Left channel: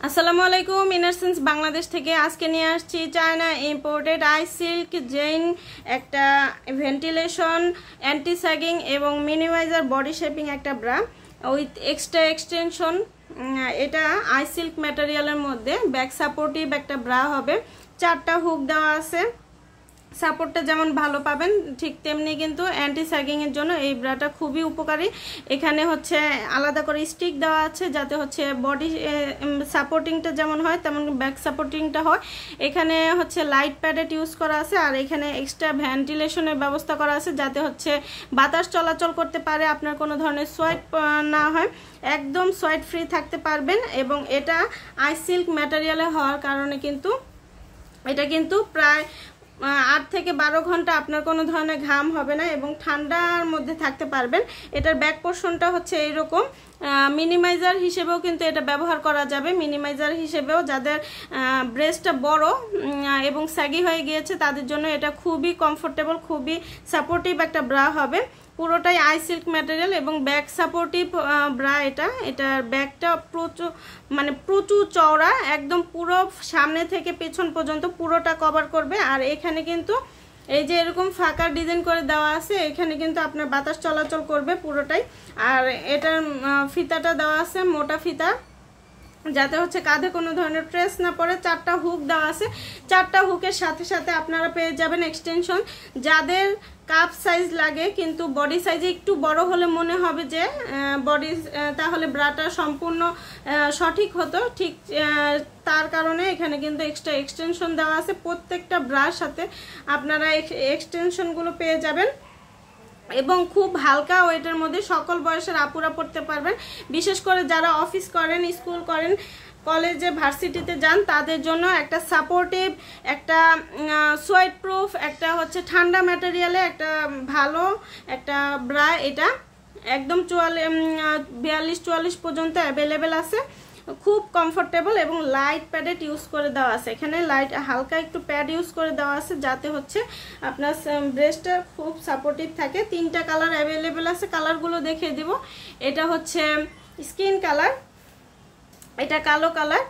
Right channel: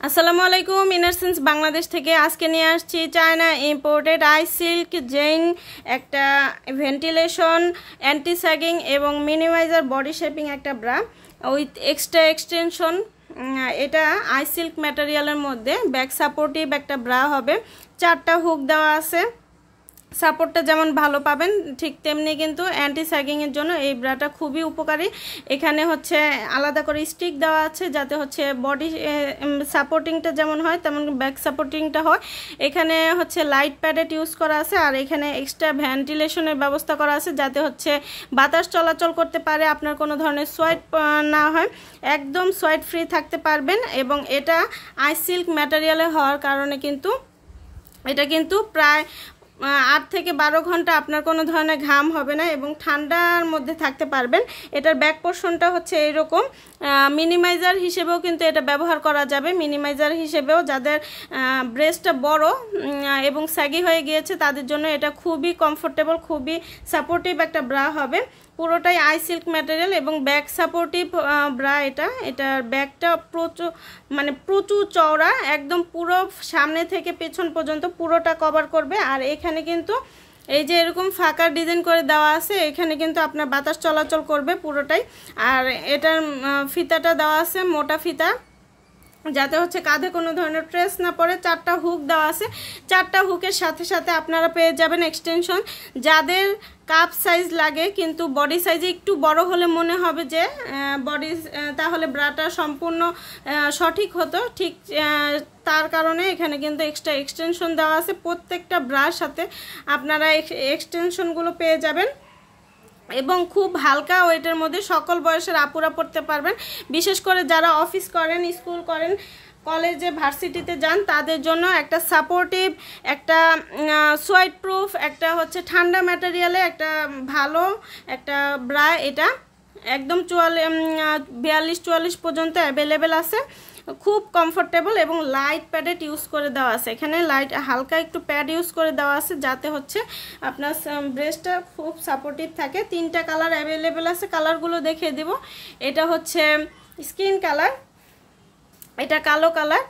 আসসালামু আলাইকুম। ইনারসেন্স বাংলাদেশ থেকে আজকে নিয়ে আসছি চায়না ইম্পোর্টেড আই সিল্ক জেইন একটা ভেন্টিলেশন, অ্যান্টি স্যাগিং এবং মিনিমাইজার বডি শেপিং একটা ব্রা উইথ এক্সট্রা এক্সটেনশন। এটা আই সিল্ক ম্যাটেরিয়ালের মধ্যে ব্যাক সাপোর্টিভ একটা ব্রা হবে। 4টা হুক দেওয়া আছে। সাপোর্টটা যেমন ভালো পাবেন ঠিক তেমনি কিন্তু অ্যান্টি স্যাগিংয়ের জন্য এই ব্রাটা খুবই উপকারী। এখানে হচ্ছে আলাদা করে স্টিক দেওয়া আছে যাতে হচ্ছে বডি সাপোর্টিংটা যেমন হয় তেমন ব্যাক সাপোর্টিংটা হয়। এখানে হচ্ছে লাইট প্যাডেট ইউজ করা আছে আর এখানে এক্সট্রা ভেন্টিলেশনের ব্যবস্থা করা আছে যাতে হচ্ছে বাতাস চলাচল করতে পারে, আপনার কোনো ধরনের সোয়েট না হয়, একদম সোয়েট ফ্রি থাকতে পারবেন। এবং এটা আই সিল্ক ম্যাটেরিয়ালে হওয়ার কারণে কিন্তু এটা কিন্তু প্রায় 8 থেকে 12 ঘন্টা আপনার কোনো ধরনের ঘাম হবে না এবং ঠান্ডার মধ্যে থাকতে পারবেন। এটার ব্যাক পোর্শনটা হচ্ছে এইরকম। মিনিমাইজার হিসেবেও কিন্তু এটা ব্যবহার করা যাবে। মিনিমাইজার হিসেবেও যাদের ব্রেস্টটা বড় এবং স্যাগি হয়ে গিয়েছে তাদের জন্য এটা খুবই কমফোর্টেবল, খুবই সাপোর্টিভ একটা ব্রা হবে। পুরোটাই আই সিল্ক ম্যাটেরিয়াল এবং ব্যাক সাপোর্টিভ ব্রা। এটার ব্যাকটা প্রচুর চওড়া, একদম পুরো সামনে থেকে পেছন পর্যন্ত পুরোটা কভার করবে। আর এখানে কিন্তু এই যে এরকম ফাঁকা ডিজাইন করে দেওয়া আছে, এখানে কিন্তু আপনার বাতাস চলাচল করবে পুরোটাই। আর এটার ফিতাটা দেওয়া আছে মোটা ফিতা যাতে হচ্ছে কাঁধে কোনো ধরনের ট্রেস না পড়ে। 4টা হুক দেওয়া আছে। 4টা হুকের সাথে সাথে আপনারা পেয়ে যাবেন এক্সটেনশন। যাদের কাপ সাইজ লাগে কিন্তু বডি সাইজে একটু বড় হলে মনে হবে যে বডি তাহলে ব্রাটা সম্পূর্ণ সঠিক হতো, ঠিক তার কারণে এখানে কিন্তু এক্সট্রা এক্সটেনশন দেওয়া আছে। প্রত্যেকটা ব্রার সাথে আপনারা এক্সটেনশনগুলো পেয়ে যাবেন এবং খুব হালকা ওয়েটের মধ্যে সকল বয়সের আপুরা পড়তে পারবেন। বিশেষ করে যারা অফিস করেন, স্কুল করেন, কলেজে ভার্সিটিতে যান তাদের জন্য একটা সাপোর্টিভ, একটা সোয়েট প্রুফ, একটা হচ্ছে ঠান্ডা ম্যাটেরিয়ালে একটা ভালো একটা ব্রা। এটা একদম 42-44 পর্যন্ত অ্যাভেলেবেল আছে। খুব কমফোর্টেবল এবং লাইট প্যাডেট ইউজ করে দেওয়া আছে। এখানে লাইট হালকা একটু প্যাড ইউজ করে দেওয়া আছে যাতে হচ্ছে আপনার ব্রেস্টটা খুব সাপোর্টিভ থাকে। 3টা কালার অ্যাভেলেবেল আছে। কালারগুলো দেখিয়ে দিব। এটা হচ্ছে স্কিন কালার, এটা কালো কালার,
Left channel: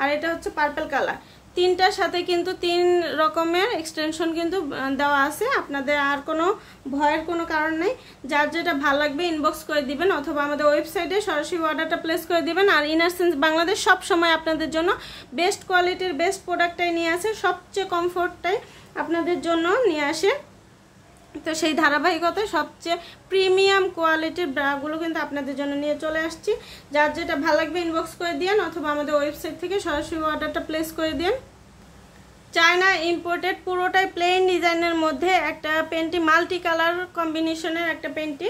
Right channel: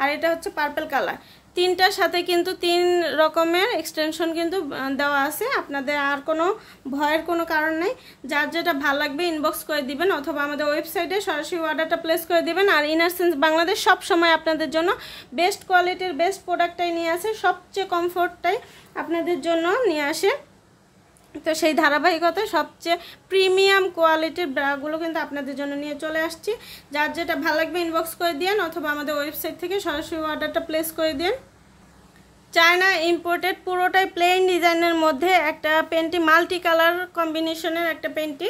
আর এটা হচ্ছে পার্পল কালার। 3টার সাথে কিন্তু 3 রকমের এক্সটেনশন কিন্তু দেওয়া আছে। আপনাদের আর কোনো ভয়ের কোনো কারণ নেই। যার যেটা ভালো লাগবে ইনবক্স করে দিবেন অথবা আমাদের ওয়েবসাইটে সরাসরি অর্ডারটা প্লেস করে দিবেন। আর ইনারসেন্স বাংলাদেশ সব সময় আপনাদের জন্য বেস্ট কোয়ালিটির বেস্ট প্রোডাক্টটাই নিয়ে আসে, সবচেয়ে কমফোর্টটাই আপনাদের জন্য নিয়ে আসে। তো সেই ধারাবাহিকতায় সবচেয়ে প্রিমিয়াম কোয়ালিটির ব্রাগুলো কিন্তু আপনাদের জন্য নিয়ে চলে আসছি। যার যেটা ভালো লাগবে ইনবক্স করে দিন অথবা আমাদের ওয়েবসাইট থেকে সরাসরি অর্ডারটা প্লেস করে দিন। চায়না ইম্পোর্টেড, পুরোটাই প্লেন ডিজাইনের মধ্যে একটা পেন্টি, মাল্টি কালার কম্বিনেশনের একটা পেন্টি।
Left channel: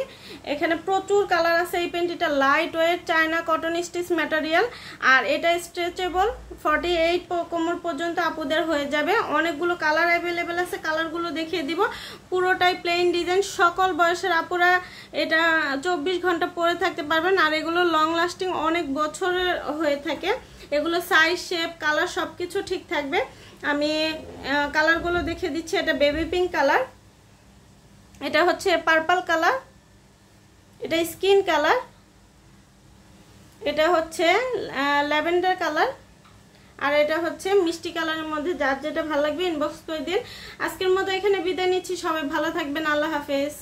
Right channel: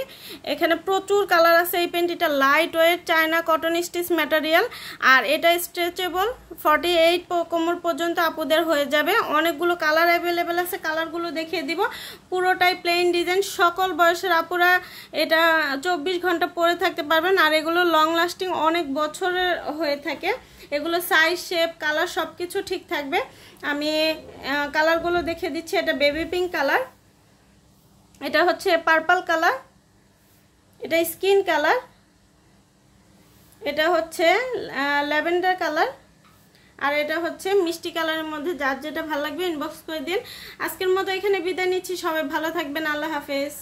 এখানে প্রচুর কালার আছে। এই পেন্টিটা light weight China cotton stitch material আর এটা স্ট্রেচেবল। 48 কোমর পর্যন্ত আপুদের হয়ে যাবে। অনেকগুলো কালার অ্যাভেলেবেল আছে, কালারগুলো দেখিয়ে দিব। পুরোটাই প্লেন ডিজাইন, সকল বয়সের আপুরা এটা 24 ঘন্টা পরে থাকতে পারবেন। আর এগুলো লং লাস্টিং অনেক বছরের হয়ে থাকে। এগুলো সাইজ, শেপ, কালার সবকিছু ঠিক থাকবে। আমি কালারগুলো দেখে দিচ্ছি। এটা বেবি পিঙ্ক কালার, এটা হচ্ছে পার্পল কালার, এটা স্কিন কালার, এটা হচ্ছে ল্যাভেন্ডার কালার, আর এটা হচ্ছে মিষ্টি কালারের মধ্যে। যার যেটা ভালো লাগবে ইনবক্স করে দিন। আজকের মতো এখানে বিদায় নিচ্ছি। সবাই ভালো থাকবেন। আল্লাহ হাফেজ।